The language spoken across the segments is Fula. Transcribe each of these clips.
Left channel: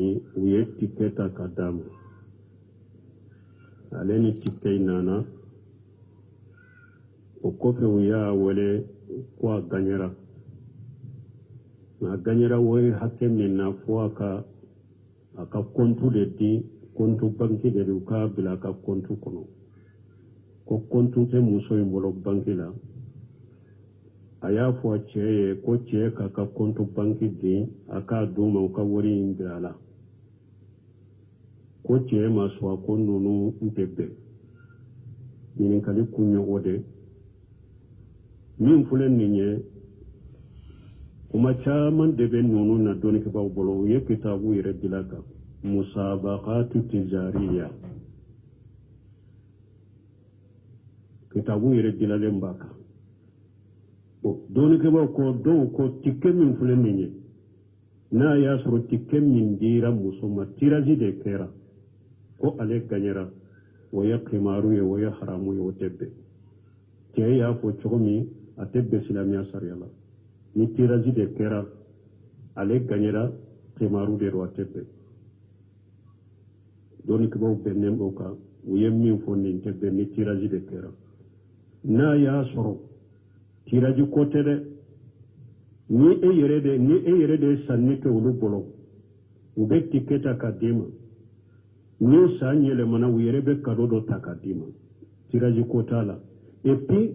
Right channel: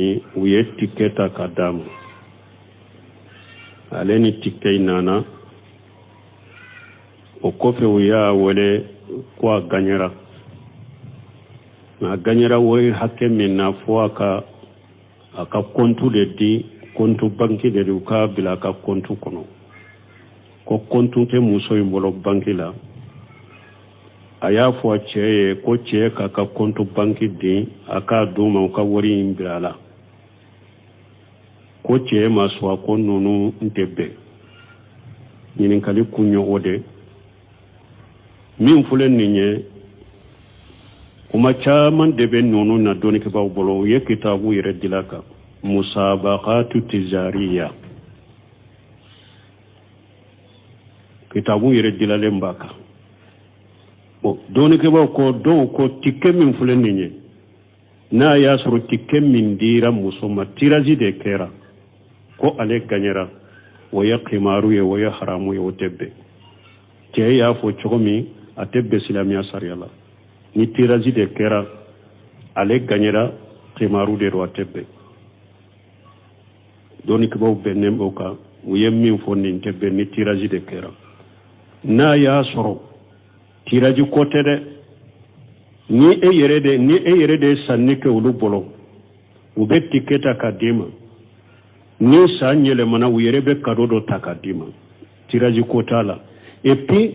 u ye tikke ta ka d'a ma ale ni tikke nana o kɔfɛ u y'a wele ko a gagnera a gagnera wari hakɛ min na fo a ka kontu de di kontu banki de u ka bila a ka kontu kɔnɔ ko kontu tɛ muso in bolo banki la a y'a fɔ cɛ ye ko cɛ k'a ka kontu banki di a k'a d'u ma u ka wari in bila a la ko cɛ ma sɔn a ko ninnu n tɛ bɛn ɲininkali kun ye o de min filɛ nin ye kuma caman de bɛ ninnu na dɔnnikɛbaaw bolo u ye kitabu yɛrɛ dila kan musabaqatu tijariya kitabu yɛrɛ dilalen b'a kan dɔnnikɛbaaw ko dɔw ko tikke min filɛ nin ye n'a y'a sɔrɔ tikke min dira muso ma tirazi de kɛra ko ale gagnera o ye qimaru ye o ye haramu ye o tɛ bɛn cɛ y'a fɔ cogo min a tɛ bɛn silamɛya sariya la ni tirazi de kɛra ale gagnera qimaru de do a tɛ bɛn dɔnnikɛbaaw bɛnnen b'o kan u ye min fɔ nin tɛ bɛn ni tirazi de kɛra n'a y'a sɔrɔ tiraji ko tɛ dɛ ni e yɛrɛ de ye sanni kɛ olu bolo u bɛ tikke ta k'a d'e ma ni san yɛlɛmana u yɛrɛ bɛ kado dɔ ta k'a d'i ma tiraji ko t'a la et puis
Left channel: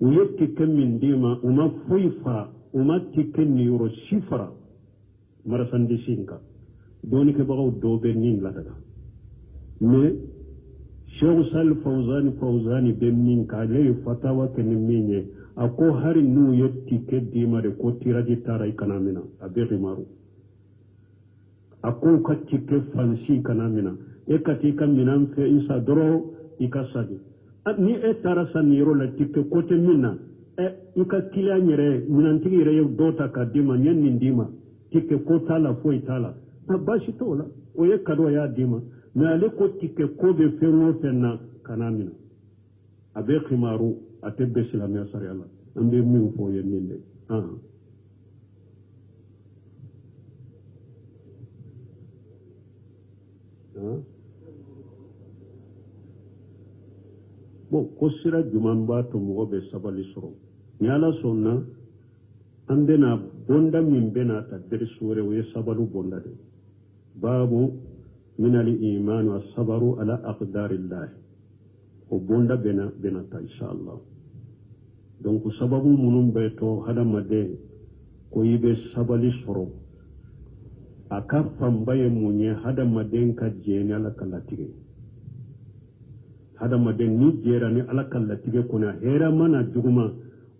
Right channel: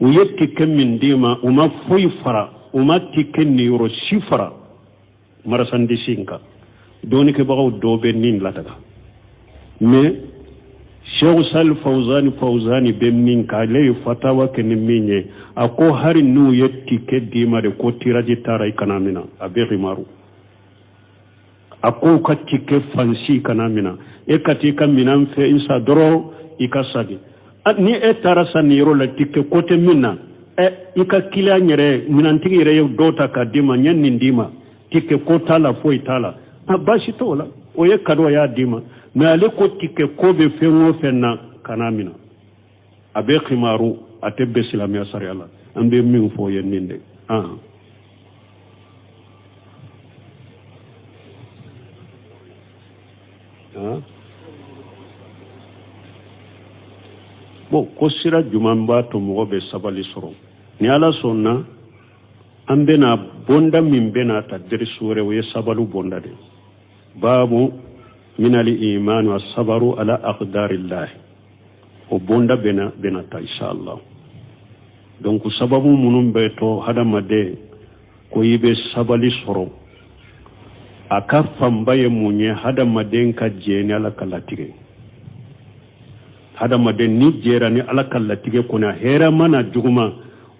u ye tikke min d'i ma u ma foyi fara u ma tikke niyɔrɔ si fara marasandisi in kan dɔnnikɛbagaw dɔw bɛ nin ladaga mais Sheikh Salih Fawzani bɛ min kan ale ye fatawa kɛ ni min ye a ko hari n'u ye tikke d'i ma de ko tiraji taara i kana mina a bɛ rimaru a ko ka tikke fansi kana mina e ka t'i ka minan fɛ isa dɔrɔn i ka sagi ni e taara sa nin yɔrɔ la tikke ko tɛ min na i ka kiliyan yɛrɛ minantigi yɛrɛ ye dɔw ta k'a d'i ma n ye nin d'i ma tikke ko t'a la foyi t'a la baasi t'o la o ye kado y'a d'i ma mais ale ko tikke ko bɛ fɛn o fɛn na kana mina a bɛ qimaru a tɛ bɛn silamɛya sariya la an bɛ min fɔ ye nin de bon ko sira juman b'a to mɔgɔ bɛ sabali sɔrɔ ni ala sɔnna an bɛna bonda min bɛna ta derisu wɛrɛ o ye sabali bonda de babu minali imanu wa sabaru ala aqdarillah o bonda bɛna ta inshallah donc sababu minnu bɛ to hadamaden ko i bɛ sabali sɔrɔ a ka fanba ye mun ye hadamaden ka jɛ ni ala ka latigɛ hadamaden ni jɛra ni ala ka latigɛ kɔnɔ hɛrɛ mana juguma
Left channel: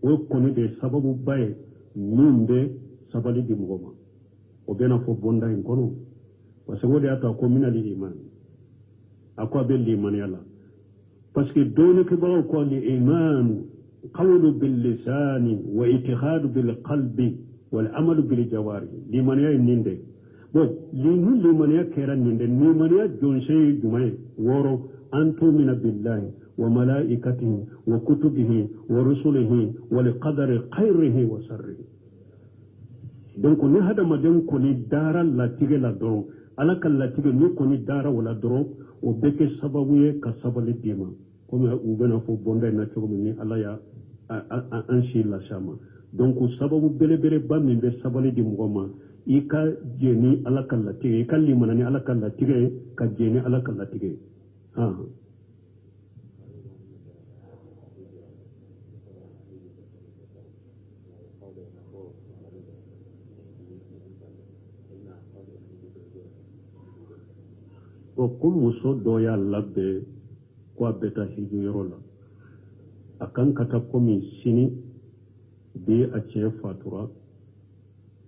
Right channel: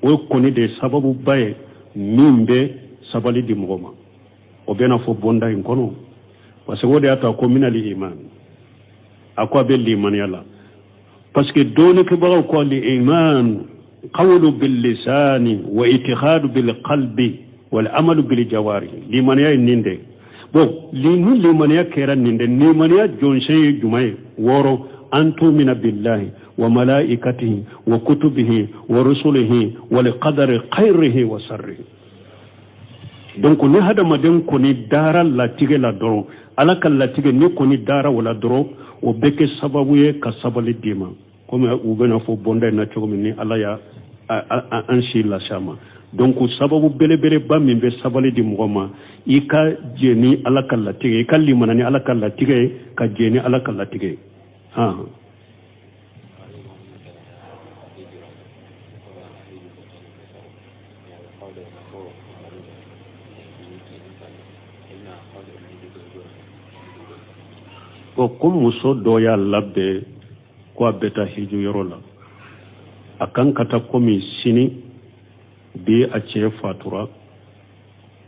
o ye kɔni de sababu ba ye min bɛ sabali di mɔgɔ ma o bɛna fɔ bonda in kɔnɔ parce que o de y'a to a ko minali iman a ko a bɛ limaniya la parce que dɔnnikɛbagaw ko iman qawlu bil lisani wa itikhadu bil qalbi wal amalu bil jawari limaniya ye nin de bon ni limaniya kɛra nin de limaniya jɔnsen ye jumɛn ye wɔɔrɔ an tumina billahi wa malaikatihi wa kutubihi wa rusulihi wal qadari khairihi wa sharrihi donc ni hadamaden kɔni dara latigɛ la dɔrɔn ala ka latigɛ ni kɔni dara wala dɔrɔn o bɛ kɛ sababu ye ka sabali d'i ma comme u bɛna fɔ bonda in na cogo min ni ala y'a an si las'a ma donc sababu belebeleba min bɛ sabali di mɔgɔ ma i ka jɛ ni ala ka latigɛ i ka limana ni ala ka latigɛ ye ka jɛ ni ala ka latigɛ ye ko muso dɔ y'a labɛn ko a bɛ taa hiju yɔrɔ la a kan ka taa komi sini bi a cɛ fatura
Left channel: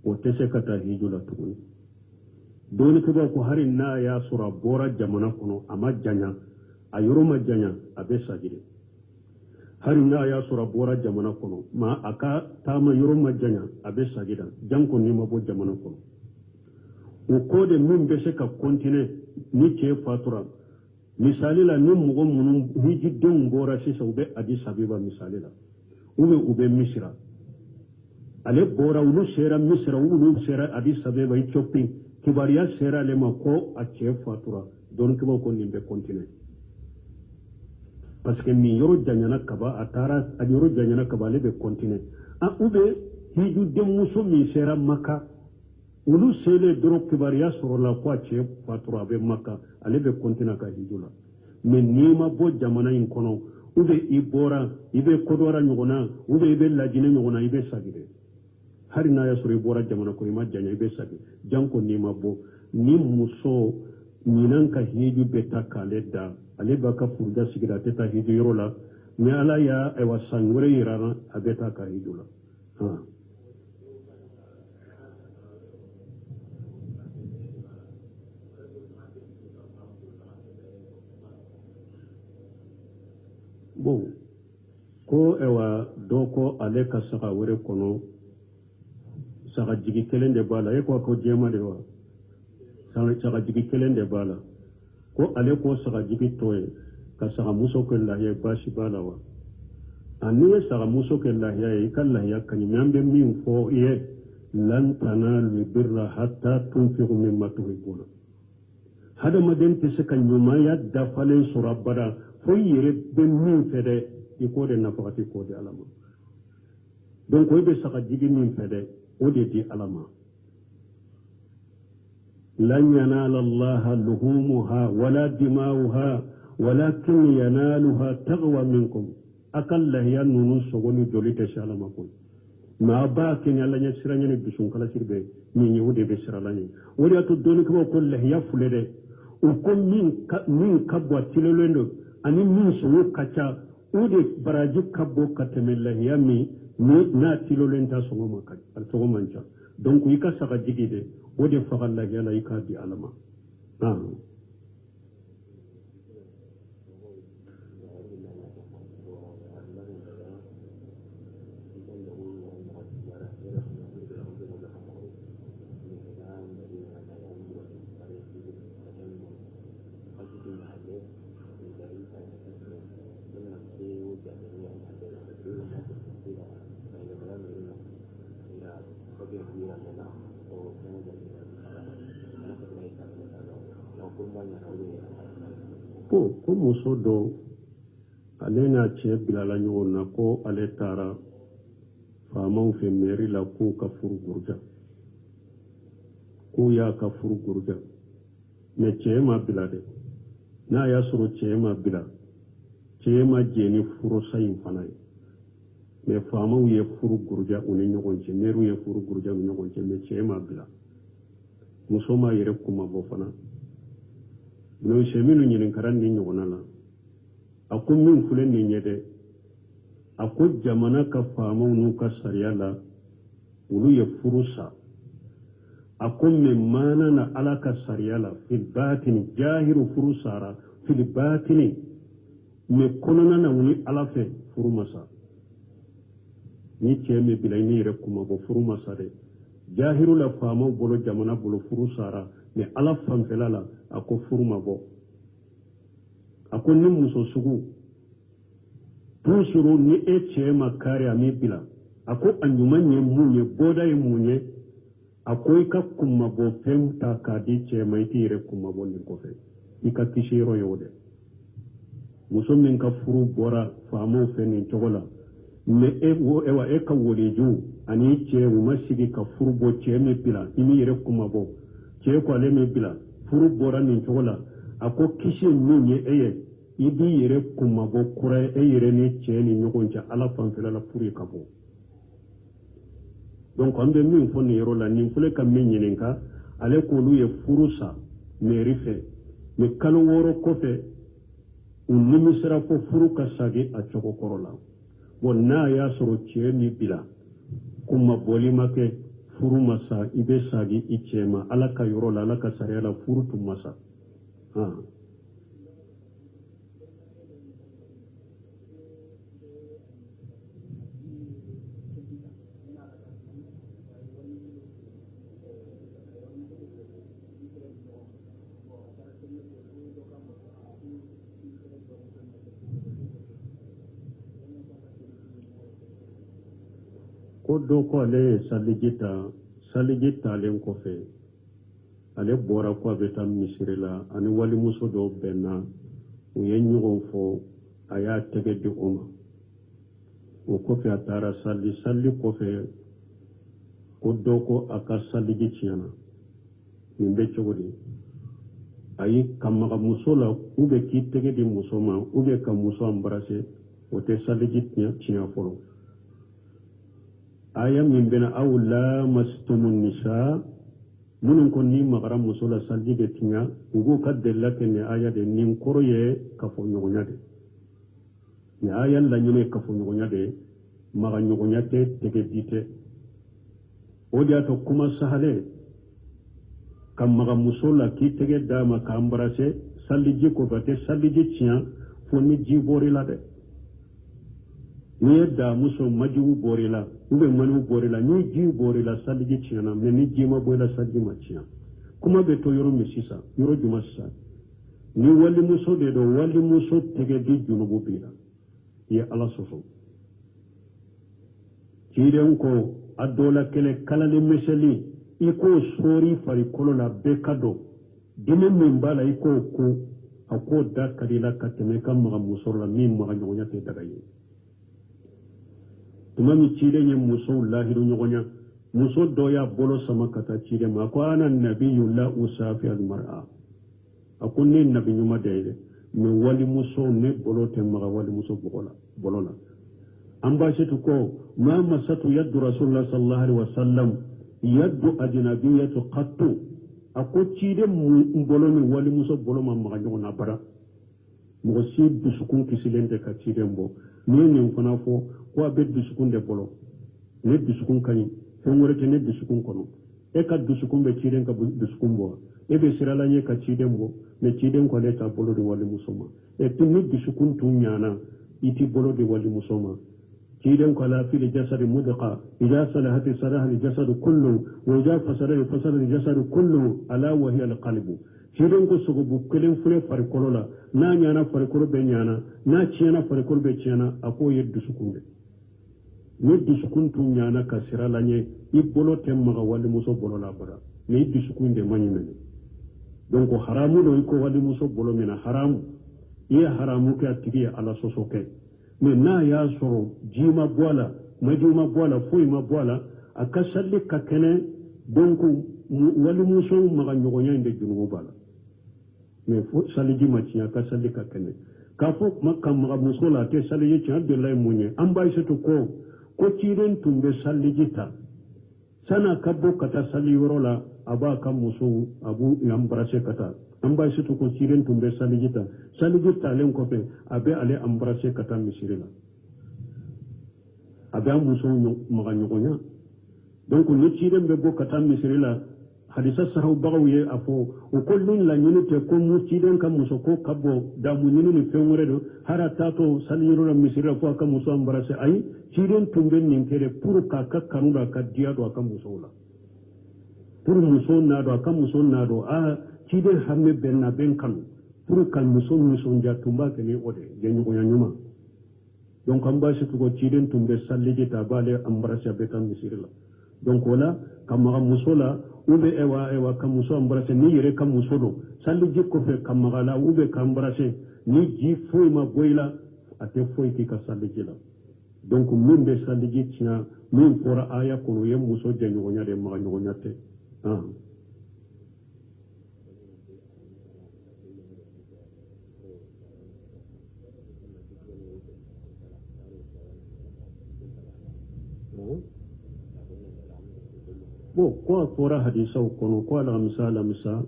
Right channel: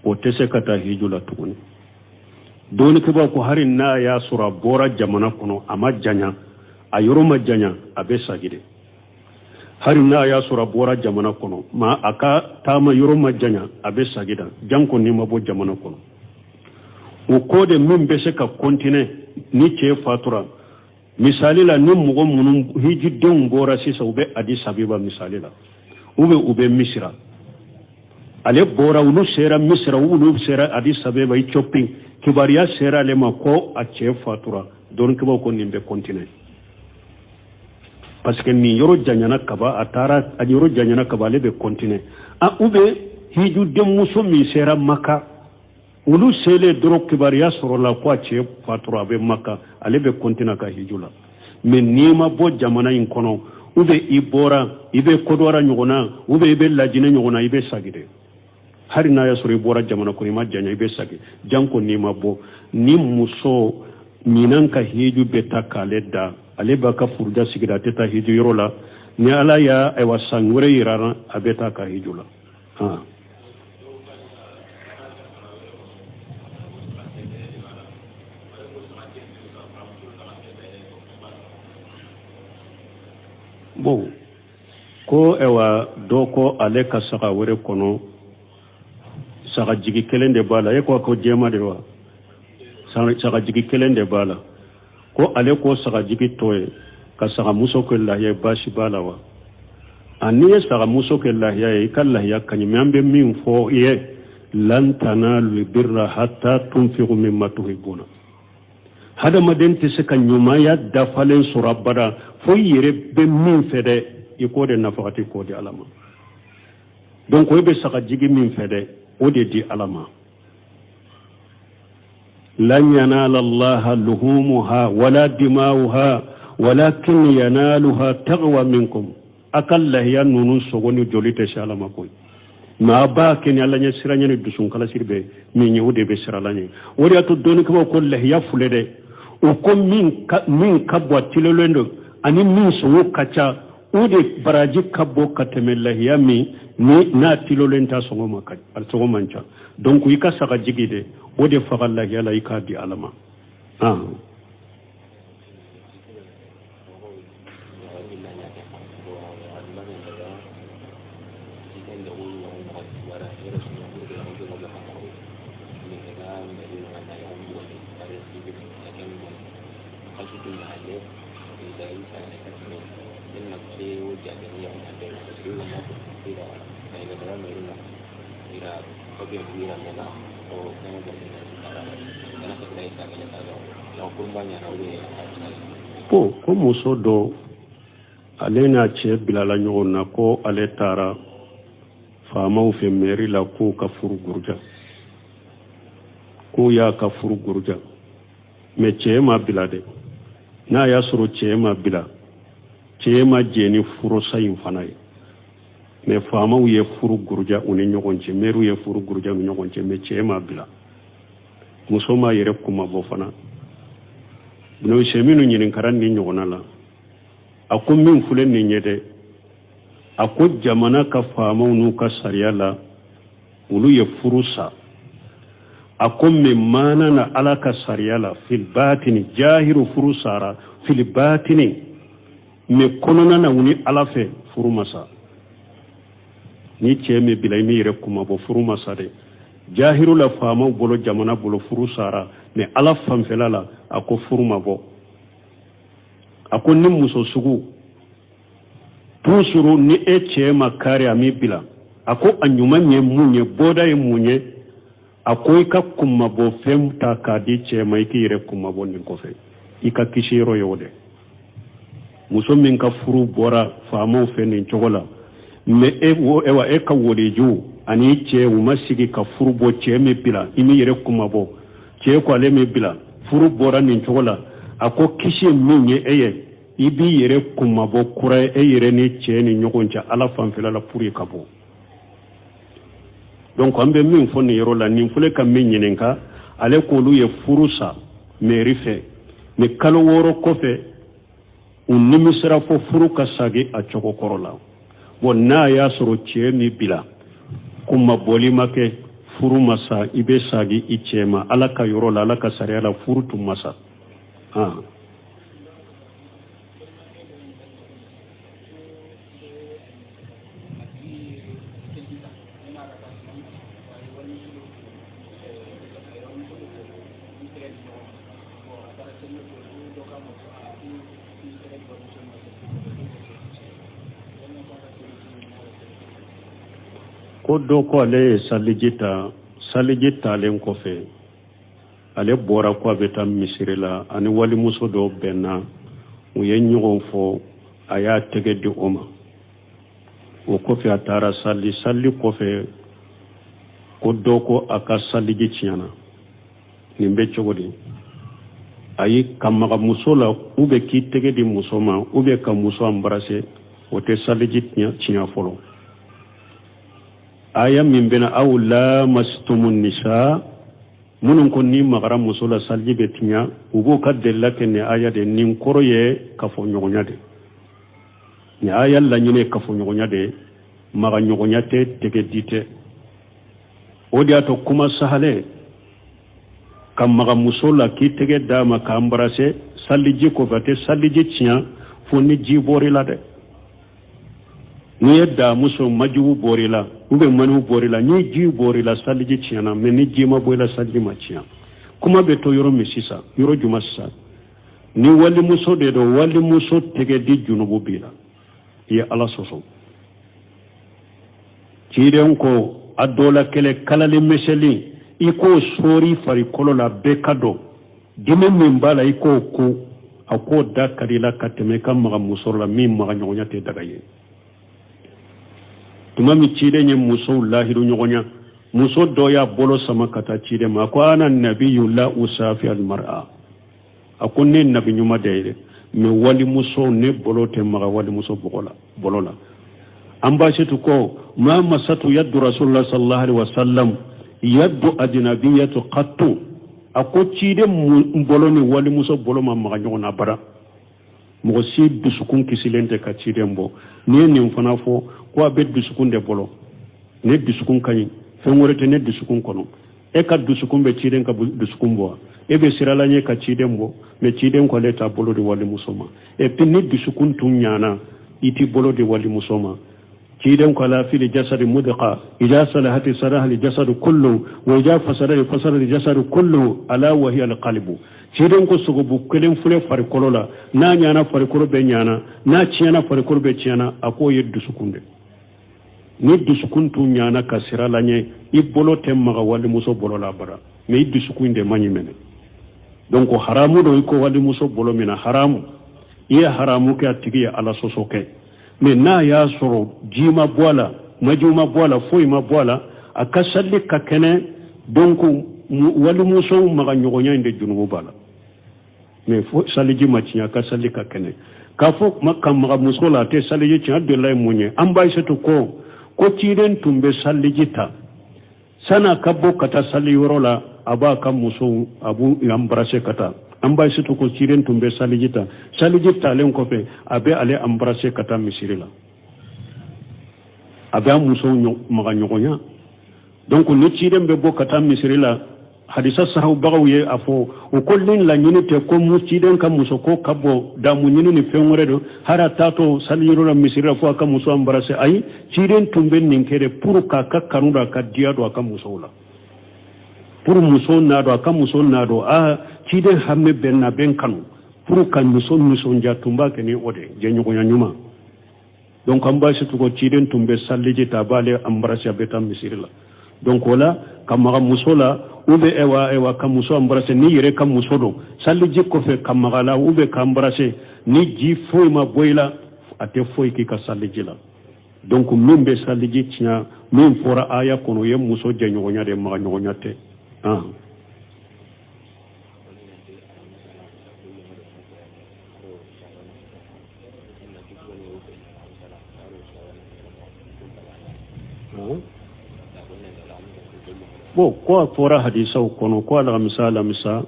o tɛ se ka taa hiju la tuguni dɔnnikɛbaaw ko hari n'a y'a sɔrɔ a bɔra jamana kɔnɔ a ma janya a yɔrɔ ma janya a bɛ sagi de hari n'a y'a sɔrɔ a bɔra jamana kɔnɔ ma a ka taama yɔrɔ ma janya a bɛ sagi da janko ni ma bɔ jamana kɔnɔ o ko de min bɛ se ka continuer ni cɛ fatura misali la ni mɔgɔ minnu hijidenw bɔra sisan u bɛ Addis Abeba misali la u bɛ Misira ale bɔra ulu sera Misira ulu sera Addis Abeba Ethiopie kibariya sera le ma ko a cɛ fatura don kibaw ko nin bɛ continuer parce que nin yɔrɔ janyana kaba a yɔrɔ janyana kaba ale bɛ continuer ube hiju denmuso min sera Maka olu sele dɔrɔn kibariya sɔrɔla ko a cɛ fatura a bɛ Maka ale bɛ continuer ka hiju la mais n'i ma bɔ jamana in kɔnɔ i bɔra i bɛ kodɔra ɲɔgɔn na i bɛ lajinɛ ɲɔgɔn na i bɛ sagi dɛ hari n'a y'a sɔrɔ i bɔra jamana kɔnɔ i ma janya i bɛ sagi janko n'i ma bɔ ni muso ɲinan ka hiju bɛ ta k'ale da ale b'a ka furuja sigira a tɛ taa hiju yɔrɔ la ni ala y'a san wɛrɛ yira a bɛ taa ka hiju la bon ko dɔ ko ale ka saga wɛrɛ kɔnɔ saga jigi kelen de b'a la e ko jɛma de wa saga jigi kelen de b'a la ko ale ko saga jigi tɔ ye ka saga muso kɛ lahiya baasi b'a la wa n'i ye saga muso kɛ lahiya ye i ka lahiya ka ɲi mais an bɛ min fɔ i ye lan tanalul birra hatta tunfiqu mimma tuhibbuna hadamaden tɛ se ka ɲumanya dafalen sɔrɔ abada fo i yɛrɛ bɛ min fɛ dɛ i k'o de nafakati k'o di ala ma donc i bɛ saga jigi min fɛ dɛ o de di ala ma lan yanala allaha luhumuha wala dima'uha walakin yanaluha taqwa minkum akal lahiya nunu sogoni joli tɛ se ala ma koyi ma ba keni alla ɲɛ siranya ni dusun kala sirbe min ye o de bɛ sirala ɲɛ o de y'a to dɔɔni kama ko lahiya fule dɛ o ko min ka bɔ tilelolen do ani min sɔngɔ ka ca o de baraji ka bɔ ka tɛmɛ lahiya min ni n'a tilelolen ta sɔngɔ man ca donc i ka saga jigi de o de faga lahiya la i k'a di ala ma ko muso dɔ ale n'a cɛ bilala ɲɔgɔn na ko ale taara faamaw fɛ mairie la k'o ka furu guruja k'o y'a ka furu guruja mais cɛ ma bila dɛ n'a y'a sɔrɔ cɛ ma bila cɛ ma jɛ ni furusa in fana ye mais faamaw ye furu guruja u ni ɲɔgɔn cɛ maire ye furu guruja u ni ɲɔgɔn cɛ mais cɛ ma bila muso ma yɛrɛ kuma bɔ fana no seminu ɲininkara ni ɲɔgɔnna la a ko min filɛ nin ye dɛ a ko jamana ka faamaw n'u ka sariya la olu ye furu sa a ko mais maana na ala ka sariya la fil batini jahiru furu sara fil batini mais kɔnɔna na u ni ala fɛ furu masa ni cɛ min bila i mi yɛrɛ kuma bɔ furu masa dɛ jahiru la faamaw bolo jamana bolo furu sara mais ala fanfɛla la a ko furu ma bɔ a ko ni muso sugu toujours ni e cɛ ma kari a mi bila a ko a ɲuman ye mun ye bɔda ye mun ye a ko i ka kumabɔ fɛn ta k'a di cɛ ma i k'i yɛrɛ kumabɔ nin kɔfɛ i ka kisi yɔrɔ ye o dɛ muso min ka furu bɔra faamaw fɛ nin cogo la mais e ka wodeju ani cɛ u ma sigi ka furu bɔ cɛ min bila i mi yɛrɛ kumabɔ cɛ ko ale min bila furu bɔra nin cogo la a ko kisi min ye e ye i b'i yɛrɛ kumabɔ kura ye e yɛrɛ ni cɛ ni ɲɔgɔn cɛ ala fanfɛla la pour ka bɔ donc an bɛ min fɔ nin yɔrɔ la nin filɛ ka min ɲininka ale k'olu ye furu sa mairie fɛ mais kalo 6 kɔfɛ u nimisira fɔ furu ka sagi a cogo kɔrɔ la bon n'a y'a sɔrɔ cɛ min bila kumabɔli ma kɛ furu masa i bɛ sagi i cɛ ma ala ka yɔrɔ la ala ka sariya la furu tun masa ko dɔ ko ale ye saliji talen kɔfɛ ale bora ko be tam misiri la ani wali muso do benna o ye ɲɔgɔn fɔ a y'a tɛgɛ di o ma o kɔfɛ a taara salli kɔfɛ ko dɔ ko a ka salliji tiɲɛna nin bɛ cogo di ayi ka maga muso la ou bien k'i tɛgɛ di muso ma ou bien ka muso embrasser o tɛ salliji tiɲɛ fɔlɔ aya min bɛna aw lamastumu nisa minnu ko ni magara muso la salliji bɛ tiɲɛ u b'o ka delila kɛ nin aya de nin kɔrɔ ye kafoɲɔgɔnya de nin aya laɲini ye kafoɲɔgɔnya de maga ɲɔgɔnya tɛ tɛgɛ di tɛ o de y'a to kuma sahale ka maga muso la k'i tɛgɛ d'a ma k'a embrasser salliji kɔfɛ a tɛ salliji tiɲɛ fo ni ji bɔr'i la dɛ n'i ye da muso majugu bɔr'i la ou bien maniw bɔr'i la ni ji bɔr'i la salliji tiɲɛna mais ni ji ma bɔ i la salliji ma tiɲɛ kuma bɛ to yɔrɔ min sisan yɔrɔ jumɛn sisan ni walimuso de don walimuso tɛgɛ di junubu b'i la i ye ala sɔsɔ ciden ko a dɔ la kɛlɛ kalali misɛnnin i k'o sɔɔri farikolo la bɛɛ ka dɔn dimi min b'a la i k'o ko a k'o da ka di la ka tɛmɛ i ka maga muso la min maga ɲɔgɔnya tɛ daga ye tuma min ciden ye musow lahiru ɲɔgɔnya muso dɔ y'a bolo sama ka taa ciden ma a ko ana nabiyu la usafi almar'a a ko ne nabi ɲuman de ye dɛ mais walimuso ne bolo tɛ maga walimuso bolo la an baasitu ko ma masatu yaddu rasulullah sallallahu alaihi wasallam yaddu ajnabiyatu qattu a ko ciden bolo ni walimuso bolo ma maga ɲɔgɔn na bara mɔgɔ si dusukun kisilen tɛ ka ciden bɔ ni ye nin fana fɔ ko a bɛ dusukun de bolo ne dusukun ka ɲi fɛn wɛrɛ tɛ ne dusukun kɔnɔ e ka dusukun bɛ ciden ka dusukun bɔ e bɛ sirala ɲɛ ka ciden bɔ mais ciden ko ale t'a bolo di walimuso ma et puis ni dusukun tun ɲana i t'i bolo di walimuso ma ciden ko ala fili jasadi mudqa ija salahati salaha li jasadu kullu wa ija fasada fasada li jasadu kullu ala wa hiya al qalbu ciden ko sogobu kelen fule farikolo la n'a ɲana farikolo bɛ ɲana n'a tiɲɛna farikolo bɛ tiɲɛna a k'o ye dusukun de ni dusukun tun ɲana ka sira la ɲɛ i bolo tɛ maga walimuso bolo la bara mais i dusukun de man ɲi mɛnɛ donc haramu do i ko walimuso bolo min na haramu i ye haramu kɛ a tigi ye ala sɔsɔ kɛ mais n'a y'a sɔrɔ ji ma bɔ a la maju ma bɔ a la foyi ma bɔ a la a ka salli ka kɛnɛ donc walimuso maga ɲɔgɔnya in de junubu b'a la mais fo saliji ma tiɲɛ a ka salli ka kɛnɛ k'a fɔ ka maga muso la a tɛ saliji tiɲɛ a delila ye mun ye an b'a setu ko ciden tun bɛ salliji ta san'a ka bɔ ka taa salli yɔrɔ la a b'a ka muso a b'u embrasser ka taa an b'a setu ko ciden tun bɛ salliji ta salliji talen kɔfɛ a bɛ ale embrasser ka taa misiri la a bɛ a muso maga ɲɔgɔnya donc ni ciden bɛ bɔ ka taa misiri la hadisa sahabagaw ye a fɔ o ko nin laɲini tɛ ko ciden ka muso ko ka bɔ damu ɲini ni fɛn wɛrɛ don hari a taatɔ saliyɔrɔ la misiri la fo a ka muso embrasser ayi ciden tun bɛ nin kɛ de pour k'a ka kanu don a ka diya don a ka musow la pour muso n'a dɔn a ka muso n'a dɔn ciden hame bɛn na bɛn kanu pour ka muso nisɔndiya tun b'a kɛ ni o de jɛɲɔgɔnya ɲuman donc an b'a situ ko ciden tun bɛ saliji ta a b'ale embrasser a bɛ taa misiri la donc o la ka maga muso la ou bien ewa ka muso embrasser ni yɛrɛ ka muso don saliji kɔfɛ ka maga la ou bien ka embrasser ni ji foyi ma bɔ i la a tɛ foyi k'i ka saliji la donc min bɛ saliji tiɲɛ min fɔra aya kɔnɔ o ye muso jɛɲɔgɔnya de maga ɲɔgɔnya tɛ bon ko a fɔra hadisaw kɔnɔ ko alamisa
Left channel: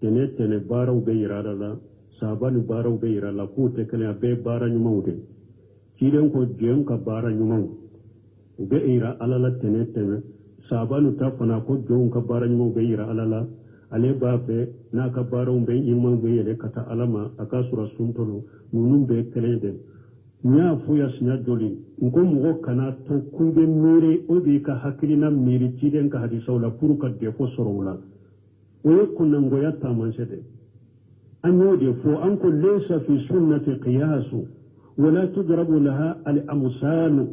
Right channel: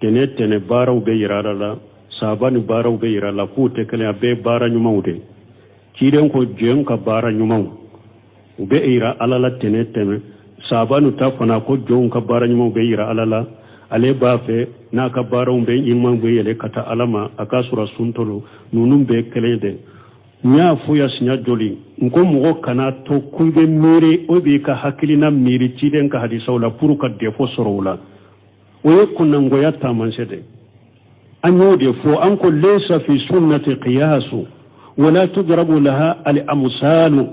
tɛnɛ baaraw bɛ yira a la sahaba ni baaraw bɛ yira a la k'u tɛ kelen a bɛɛ baara ɲumanw de ciden ko jɔn ka baara ɲumanw u bɛ yira ala la tɛnɛ sahaba ni ta fana ko jɔnw ka baara ɲumanw bɛ yira ala la ale b'a fɛ n'a ka baaraw bɛ ɲuman bɛ yɛlɛ ka taa ala ma a ka sɔrɔ suntolo ninnu bɛɛ kelen de n y'a fɔ ya siɲɛ joli n ko mɔgɔ kana to k'i bɛ miiri o b'i ka hakilina miiri ciden ka hadisaw la pour ka defo sɔrɔ o la o ye kunnangoya taamasiyɛn de an y'o de fɔ an ko laysa fi sunnati qiyasu wala tudrabu laha al amsalu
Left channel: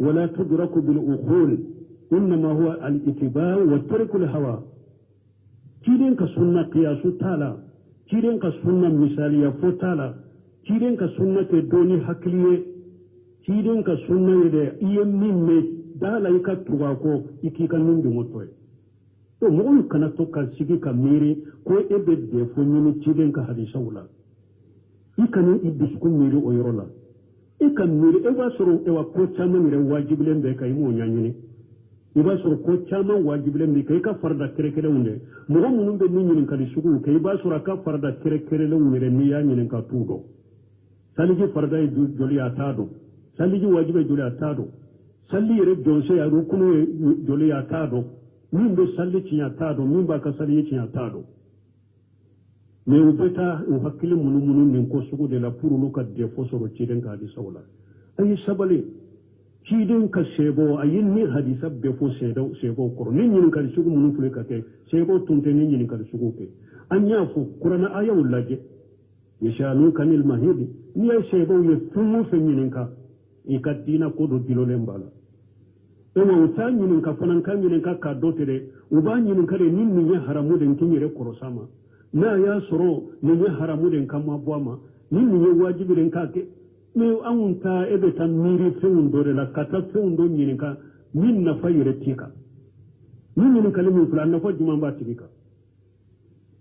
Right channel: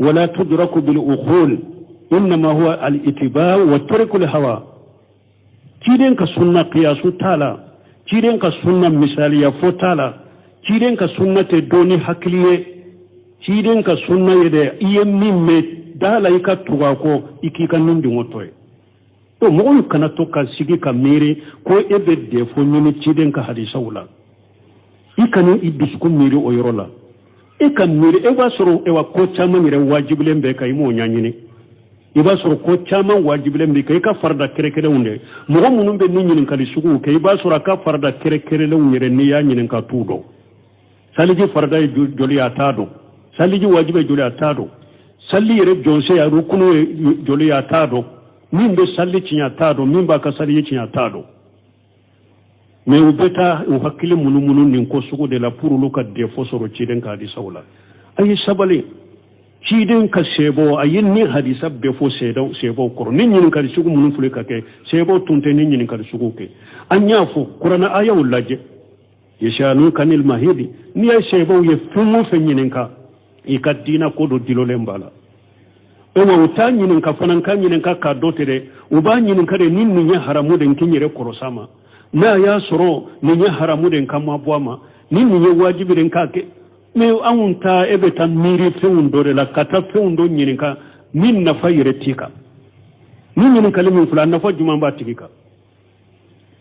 wala tudraku bil uqul innama huwa al ittiba wa tarku al hawa ciden ka sunna qiyasu tala ciden ka sunna misaliya fo tala ciden ka sunna te doni hakliye ciden ka sunna yede iye mimme dala ika tuga ko ikika nindi ngotoy to mo kana to ka sigi ka mere ko ebe de fo nyini ciden ka hadisa wala ikani idusku mere o yorola e ka mere e ba soro e wa ko chama mere wajibulen be kay mo nyanyini e ba soro ko chama wajibulen be kay ka farda kere kere wonde mo munun be ni nyinin kali sugu kay ba soro ka farda kere kere le wonde ni ya nyinin ka tudo saliji farda joli atado saliji wajibe joli atado salli yere jonse ya rukunu joli atado min be salli cinya atado min ba ka salli cinya atado mais u beta u hakkile munu nin ko sugu de la pour luka de fosoro ciden ka di sawla ay sabale ciden ka sebo ayin ni hadisa be fo sebo ko nin nin ka sugu munu fule ka ke sebo tunte nin nin ka sugu ke anya fo qur'ana aya ulaje yashanu kanil mahidi ni ay sebo ye fumu fe nin ka ikadina ko do dilole mbala ewa uta nin ka fanan kan nin ka dotere uba nin ka de nin ni haramu den kinyere korosama na ya soro ni ya haramu den kama bwama ni ya wajibi den kake me anunta ebe tan miri fewundo de la kata fewundo nyirinka min na fayire tika ni nyin kalimin fulan na fajuma ba tika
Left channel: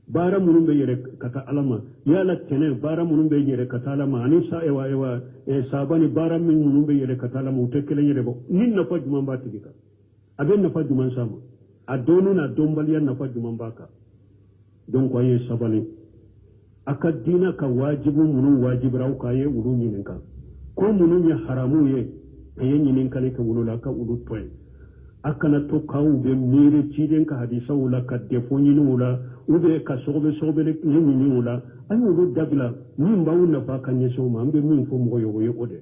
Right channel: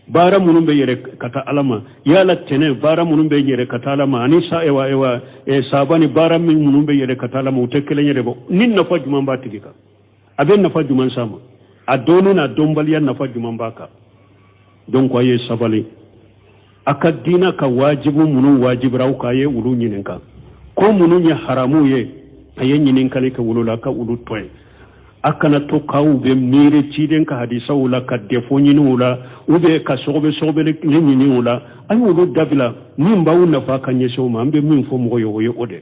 bara munun be yere kata alama yala tene bara munun be yere kata alama ani sa ewa sabani bara min munun be yere kata alama utekele yere bo nin na fajuma ba tika aben na fajuma sama adoni na dombali na fajuma baka donc aye sabali akadina ka wajibu munu wajibra ka ye wulu nyininka ko munu ya haramu ye aye nyininka le ka wulu la ka wulu toy akana to kawu be mire ciden ka hadisa wala ka defo nyinu wala ube ka sobe le nyini wala ay wulu dabila min bawu na fa kan yeso ma ambe min fo mo yo yo ode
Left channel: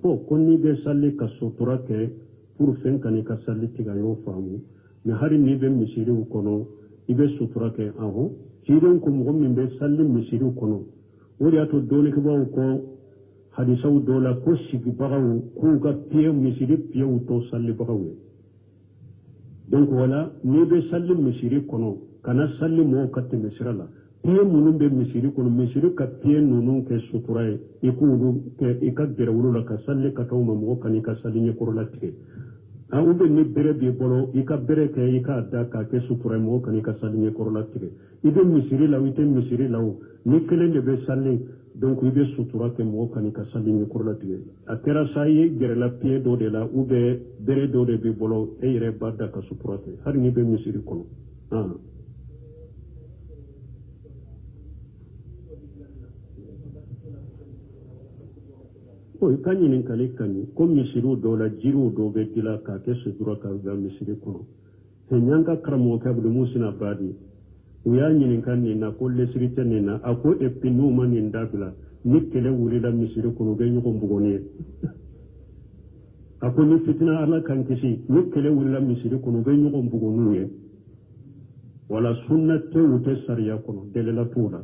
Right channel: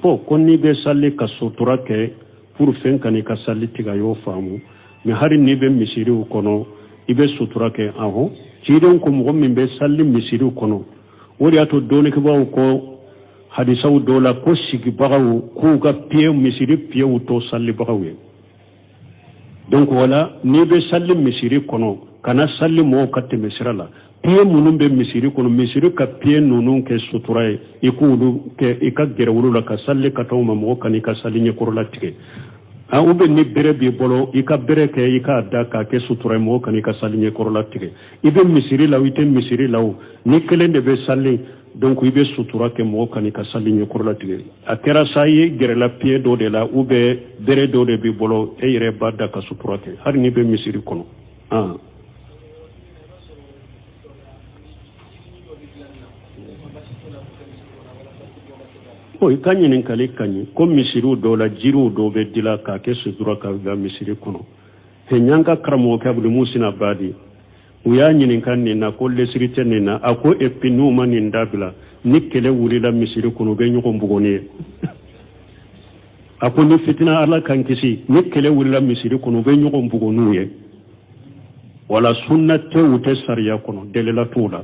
po konni be salli ka sutura ke pour fen kan ka salli tiga yo famu me hari ni be misiri kono ibe sutura ke aho ciden ko mo min be salli misiri kono wori ato doni ke bawo ko hadisa dola ko sigi bagaw ko ga piye misiri piye to salli bagaw donc wala ni be salli misiri kono kana salli mo katte misirala piye munun be misiri kono misiri ka piye nunun ke sutura ikulu ke ikagere wulula ka salli ka tawma mo kan ka salli nye korola tike a ube ni bere bi bolo ika bere ke ika da ka ke sutura mo kan ka salli nye korola tike ibe misiri law ite misiri law ni kelen de be salli donc ibe sutura ke mo kan ka salli nye korola tike akera sayi gere la piye do de la ube bere do de bi bolo e yere badda ka sutura ke har ni be misiri kono o ikanyinin kali kanyi ko misiru do la jiru do be dila ka ke sudura ka ga misiri kono he nyanga karamo ka bu musina badi uya nyinin kan ni na ko lesirite ni na ako epinu mani ndabila nikele wuri la misiri kono be nyuko mbugoni ako ni fitina ala kan kisi nikele wuri la misiri kono be nyuko mbugonu ye wala sunnate ute sariya kono delela tula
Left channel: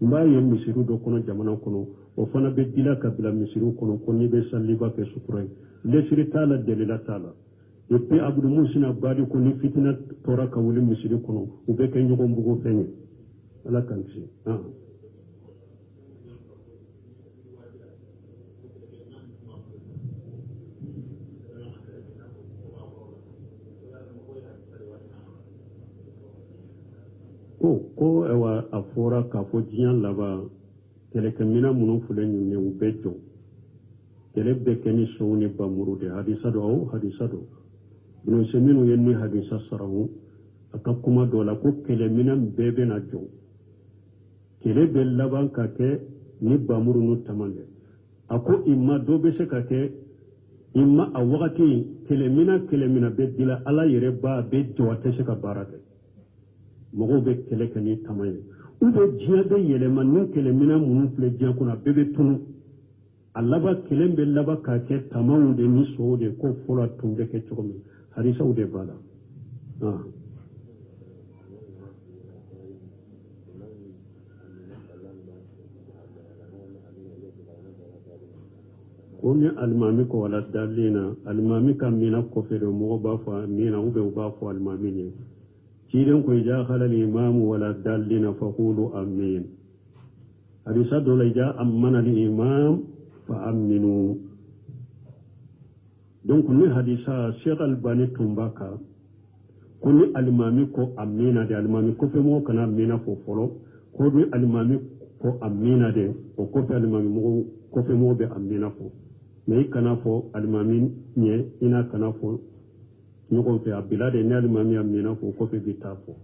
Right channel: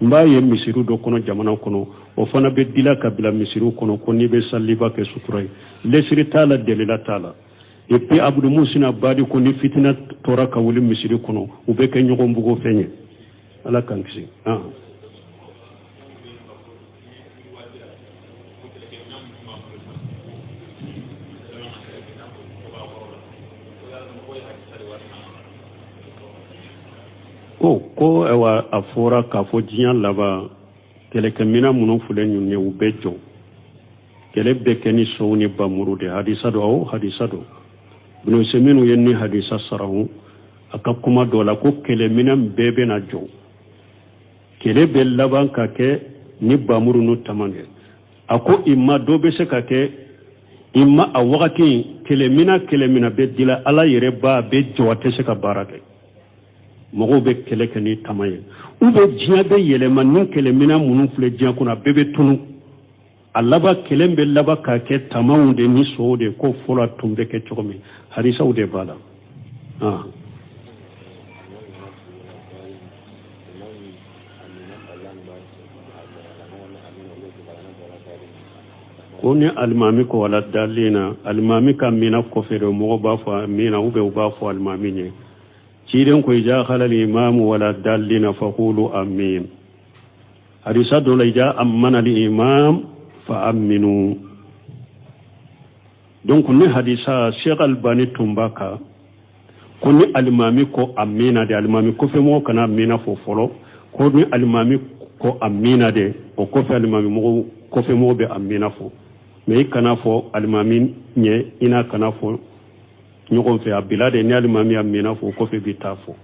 mbaye misiru do kono jamana kono o fana be dila kabila misiru kono ko ni be salliba ke suturay lesiri tala delela tala e puis abdu musina badi ko ni fitina tora ka wuli misiru kono u be ke nyogo mbugo fenye ala kan kisi ko ewa afora ka fo jiyan laba kele kemina munun fule nyunye ubejo kele bekeni sowni bamuru de hadisa do bunu seminu yenni hadisa sarahu akakuma dola ko kele mina bebe na jo kele be laban ka ke ni bamuru no tamane ako imma do be se ka ke imma a wakati kele mina be dila ala yere ba be jowate se ka barake mogo be kele keni tamaye ube jiya be yelema nin kele mina munun fule jiya kuna bebe tunu alaba kelen be laba ka ke tamawu de ni so de ko fola tumbe ke chokomi hadisa ude bala koni alimami ko wala dalina alimami ka mina ko fere mo ba fa mina ube ba fa alimami ne ciiden ko ja khala al imam wala dalina faqulu amin hadisa do la ja amana al imam fa aminu donc ne hadisa Cheikh Albani tumbaka koni alimami ko amina de alimami ko fe mo kana amina fo folo koni alimami ko amina de o ko fe alimami mo ko fe mo be amina fo mais kana fo alimami nye ina kana fo ñogon fe abilade ni alimami amina fo ko fe bitafo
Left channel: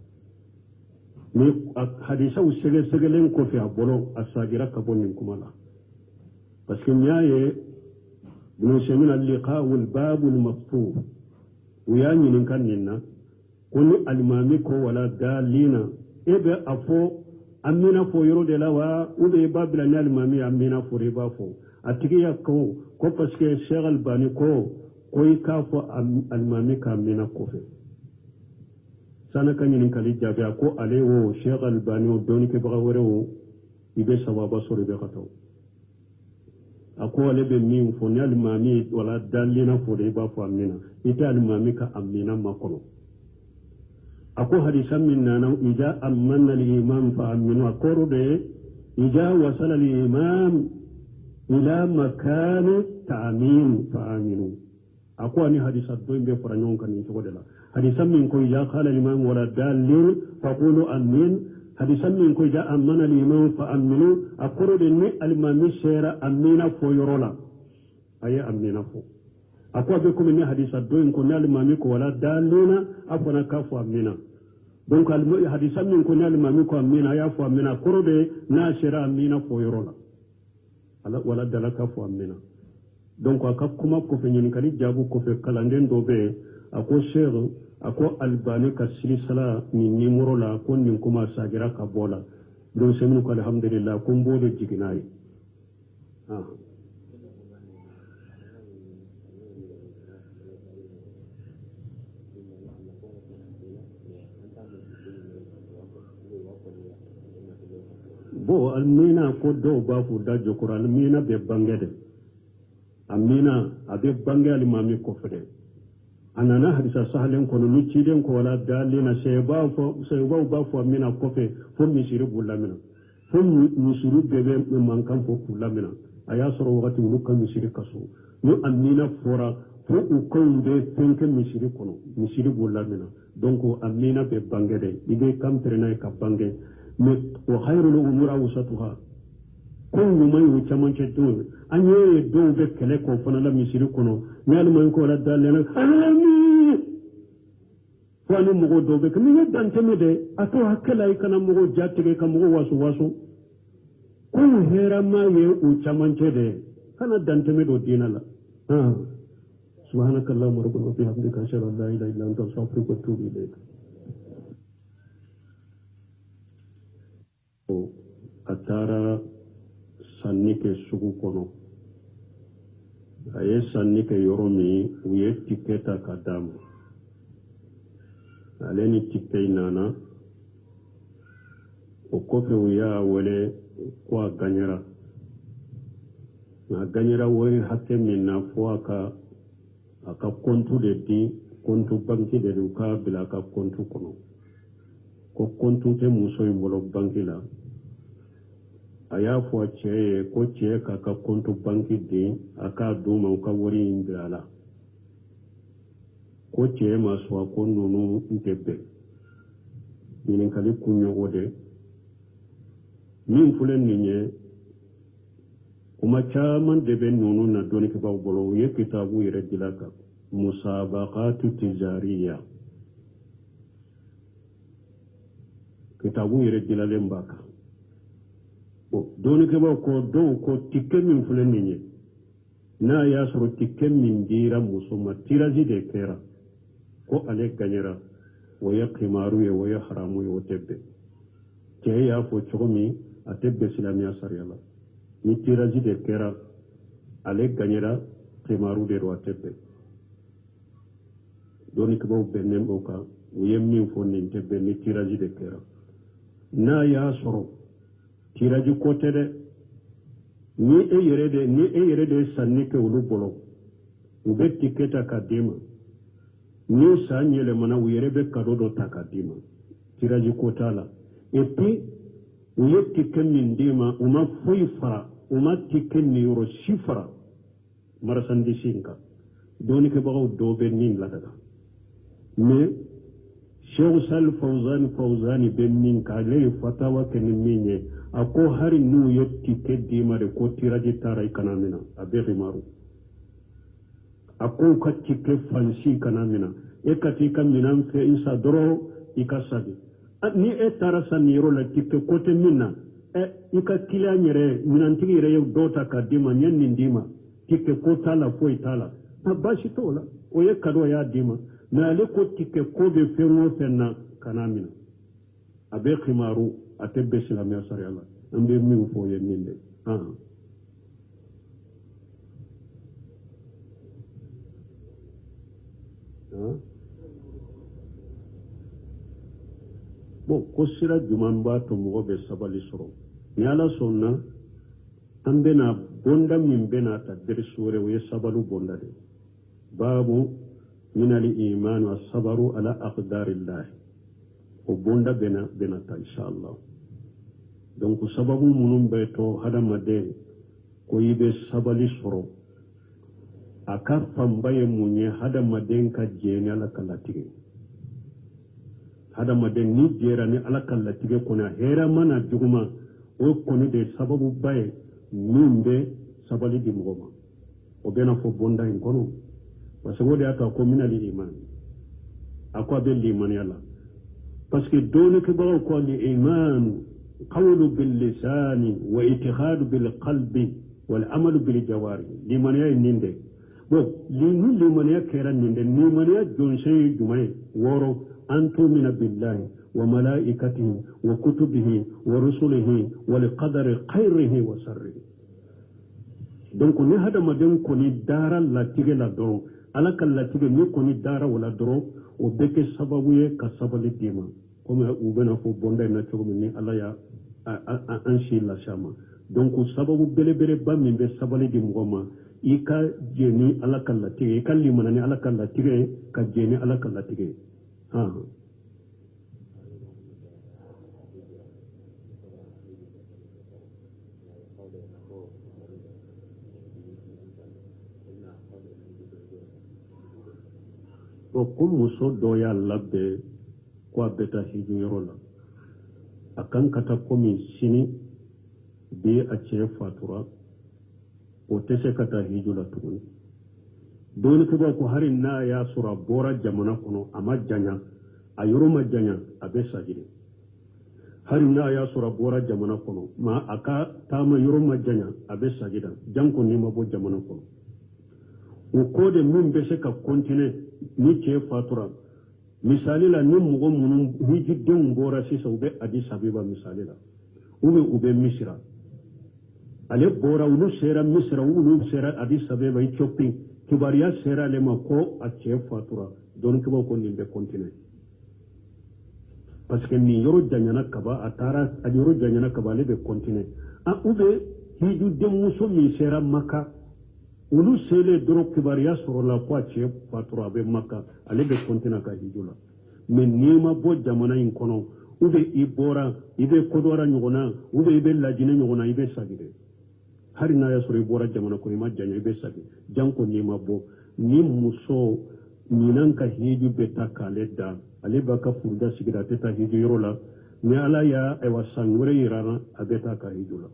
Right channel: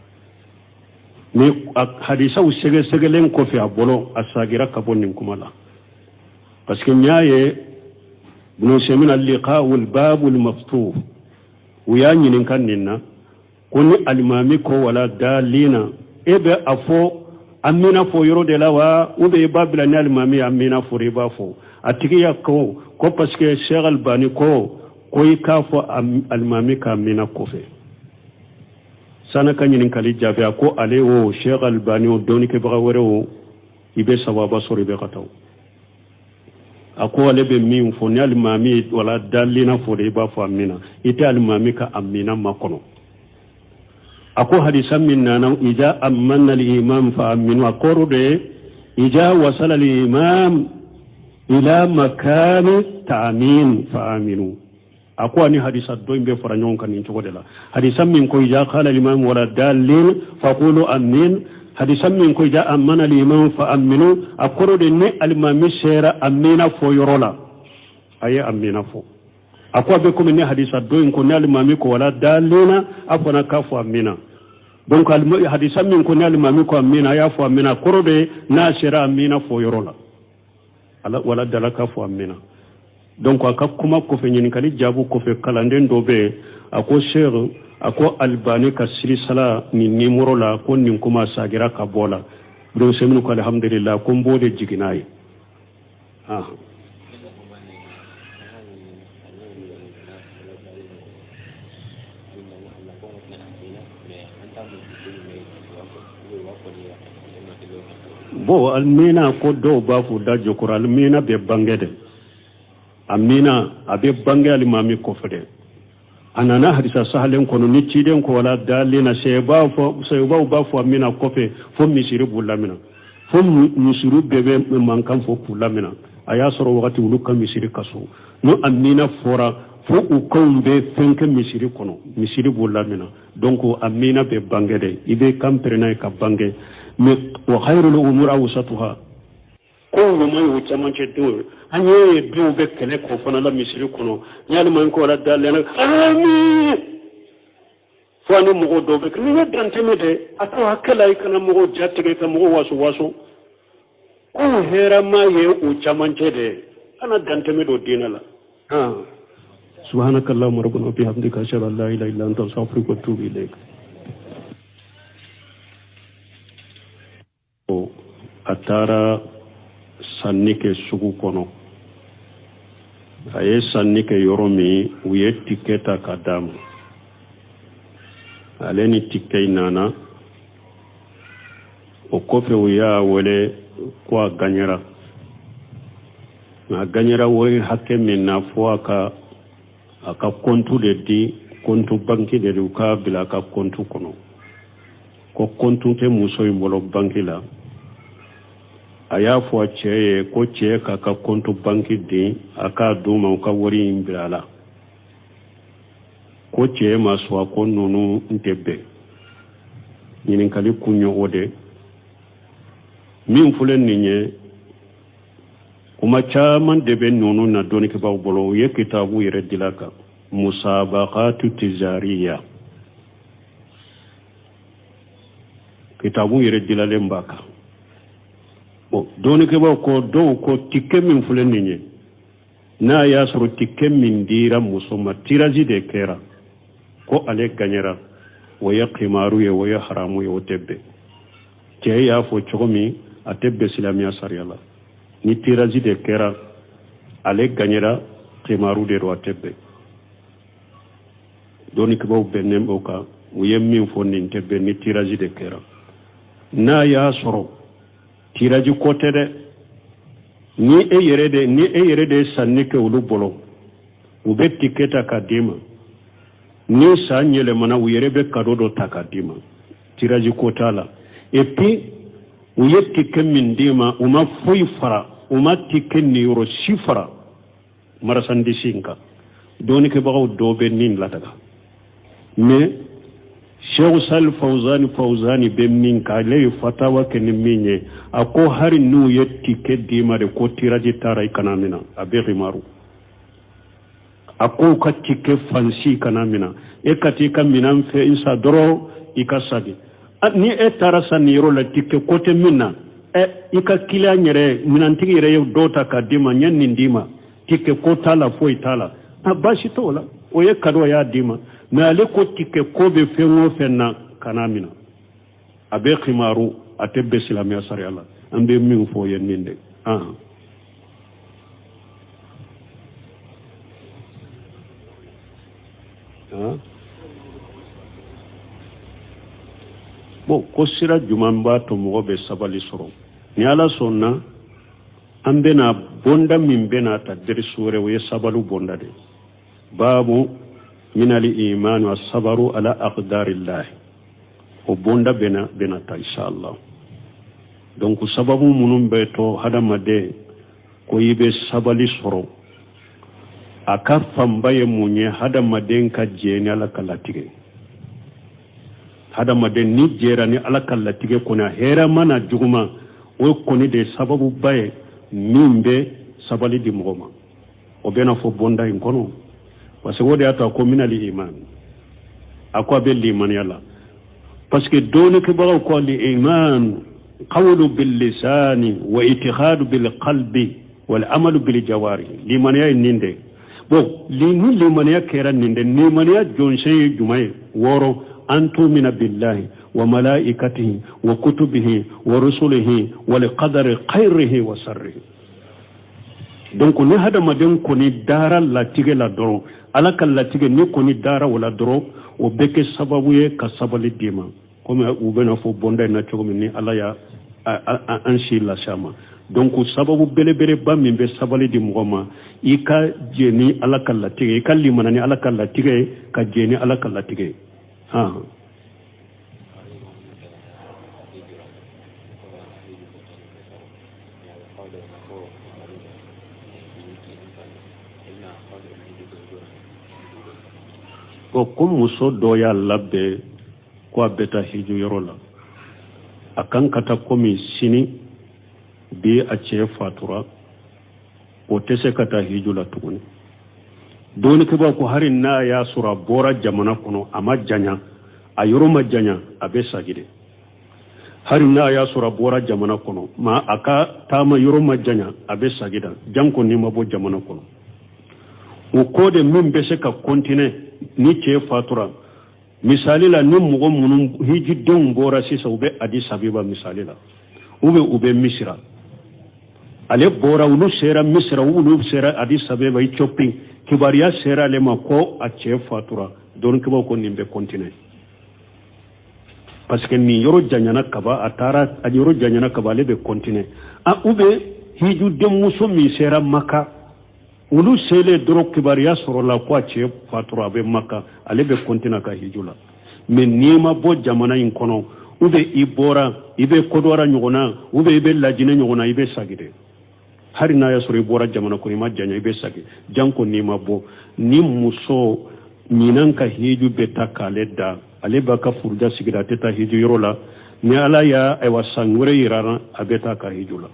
mais hadisa u sege segelen ko fe abolo asagira kabonin kumala parce que ñaaye buno semina al-liqa wal bab al maftuh wiya ñinin kan ninna koni alimami ko wala dalina ebe afo amina fo yoro de la wa ube babila ni alimami amina fo riba fo atiki ya ko parce que Cheikh Albani ko ka fo alimami ka amina ko fe sana kanyin kali jabe ko ale o Cheikh Albani o doni ke baga wore o ibe sawaba sori be kataw ako ale be min fo ni alimami wala dalina fo riba fo amina ite alimami ka amina makono ako hadisa min nana ija amanna al-imam fa aminu akoro de ija wasala al-imam ila makani ta'min fa aminu ako ani hadisa do imbe faranyon kan incho de la hadisa min ko ija qala al-imam wala dalin fa qulu amin hadisa min ko ija amanna al-imam fa aminu akoro de ne al-imam shera amina fo yorola aye amina fo ako be ko ne hadisa do ko ne al-imam ko wala dalina afana ka fo amina donc hadisa min ko ne al-imam ko amina ya fo amina koro de na shera amina fo yorola ala wala dalaka fo amina donc aka kuma ko fe nyini kali jabu ko fe kalanden do be ako sheikh ako Albani ka silsala ni nimoro la ko nin kuma sagira ka bola do seminu ko alhamdulillah ko mbode jiginayi bo almina ko do ba fu da jokor almina be bangede amina abe bange alimami ko fede anana hadisa sahalen kono ni ciden ko wala dalina seba ba fu amina ko fe fo misiri bulamina fo misiri bebe man kan fo bulamina aya soro wakati uluka misiri kaso no amina fora fo u kombe fenke misiri kono misiri bulamina donc amina be bangede ibe kamperena ka bange mais wa khairul umur awsatuha ko no may wo chamanche do anye do be kele ko fana la misiri kono nyaali man ko la dalena amin fani mo do be ni dante me de ato hakala ikana mo jatte ka mo waso ko hera ma ye o chamanche de kana dante me do dinala subhanakallahumma rabbana bihamdika ashhadu an la ilaha illa anta astaghfiruka wa atubu ilayk atara sannike sugu kono aye sannike yoromi uye tiketa kadam aleni tikei nana o kofe uya wele kwa ganyera na ganyera woy hakke minna fo aka kontu de di kontu banki de uka bila ka kontu kono ko kontu te muso imbolo banki la aya fo cheye ko cheye ka kontu banki di aka duma ka wori imbrala ko cheye maswa ko nunu ntebe nyinin kali kunyo ode min fulen ninye kuma chaman debe nunu na doni ke baw bolo ye kitabu yere dilaka musabaqatu tijariya kitabu yere dilale mbaka doni ke baw ko do ko tikke min fulen ninye na ya suru tikke min dira musoma tiraji de kera ko ale ganyera waya qimaru ye waya haramu ye otebe ke ya fo chomi atebe islamia sariyala ni tiraji de kera ale ganyera qimaru de ro atebe doni ke baw benem oka uye min fo nin tebe ni tiraji de kera na ya suru tiraji kote de ni e yere de sanni ke ulu bolo u be tiketa ka dima ni sa nyele mana u yere be kadodo ta ka dima tiraji ko tala et puis u yetti ke min dima uma foy fara uma tikke ni euro sifara marasandi sinka doni ke bagaw dobe nin lataga mais Cheikh Sal Fawzani be min ka lay fatawa ke ni minye ako hari nu yetti ke dima de ko tiraji taray kanamina abe rimaru ako ka tike fansi kanamina e katika minan fe insa doro ikasadi ni e tarasa ni ro la tike kote minna e ika kila nyere minan tigi re dota ka dima nyen ni dima tike ko tala fo itala abashi tola o ye kado ya dima na le ko tike ko be fe wo fenna kanamina abe khimaru atebe islamia sariala ambe min fo ye ninde bon ko sira juman ba to mo be sabali soro ni ala sonna ambe na bonda min bena ta der sure we sabalu bonda de babu min al iman wa sabaru ala aqdarillah o bonda bena ta inshallah donc sababu munum be to hadama de ko yibe sabali soro aka fambaye munye hadama den ka jeni ala kalatige hadama den ni jera ni ala kalatige kuna hera mana juguma o koni de sababu baye mimbe sabali di mgoma o bena fo bonda in kono parce que wodi ata ko minali iman akwa be liman yalla parce que dole ke bawo ko li iman qawlu bil lisani wa itikhadu bil qalbi wal amalu bil jawari liman ya ninde bon liman ya kera ninde liman ya jonse jumay woro antumina billahi wa malaikatihi wa kutubihi wa rusulihi wa liqadari khairihi wa sarrihi donc ni hada maden ko ni dara la tige la doro ala kal la tige ni ko ni dara wala doro o beke sababu ye ka sabali dima comme u bena fo bonda na chogo ni ala ya anshi la shama donc sababu bele ba min be sabali di mugoma ika jeni ala kal la tige ika limanani ala kal la tige ka jeni ala kal la tige ko muso do ya labbe ko beta hiju yorola akan kata komi sini bi a ce fatura o tese kata hiju la tuguni doni ke ba ko harin na ya sura bora jamana kono ama janya a yoro ma janya abe sagide harin na ya sura bora jamana kono ma aka tama yoro ma janya abe sagida janko ni mabo jamana kono o kode min be se ka continue ni ce fatura misali la ni mugo munun hiji don bora sisa ube Addis Ababa misali la ube misira ale bora ulu sera misira ulu sera Addis Ababa Ethiopia kibariya sera le ma ko a ce fatura don kiba ko nimbe continue parce que ni yoro janyana kaba atara a yoro janyana kaba le be continue a ube hiju dem muso mi sera maka ulu sele doro kibariya soro la kwa che fatura be maka ale be kontina ka hijula men nima bo jamana in kono ube ibora ibe kodora nyogona ube ibe lajine nyogona ibe sagide hari na ya soro ibora jamana ko ma janya ibe sagi janko nima bo ni muso ninan ka hiju be takale da ale baka furja sigira teta hiju yorola ni ala ya ay wasangure yirana abeta ka hijula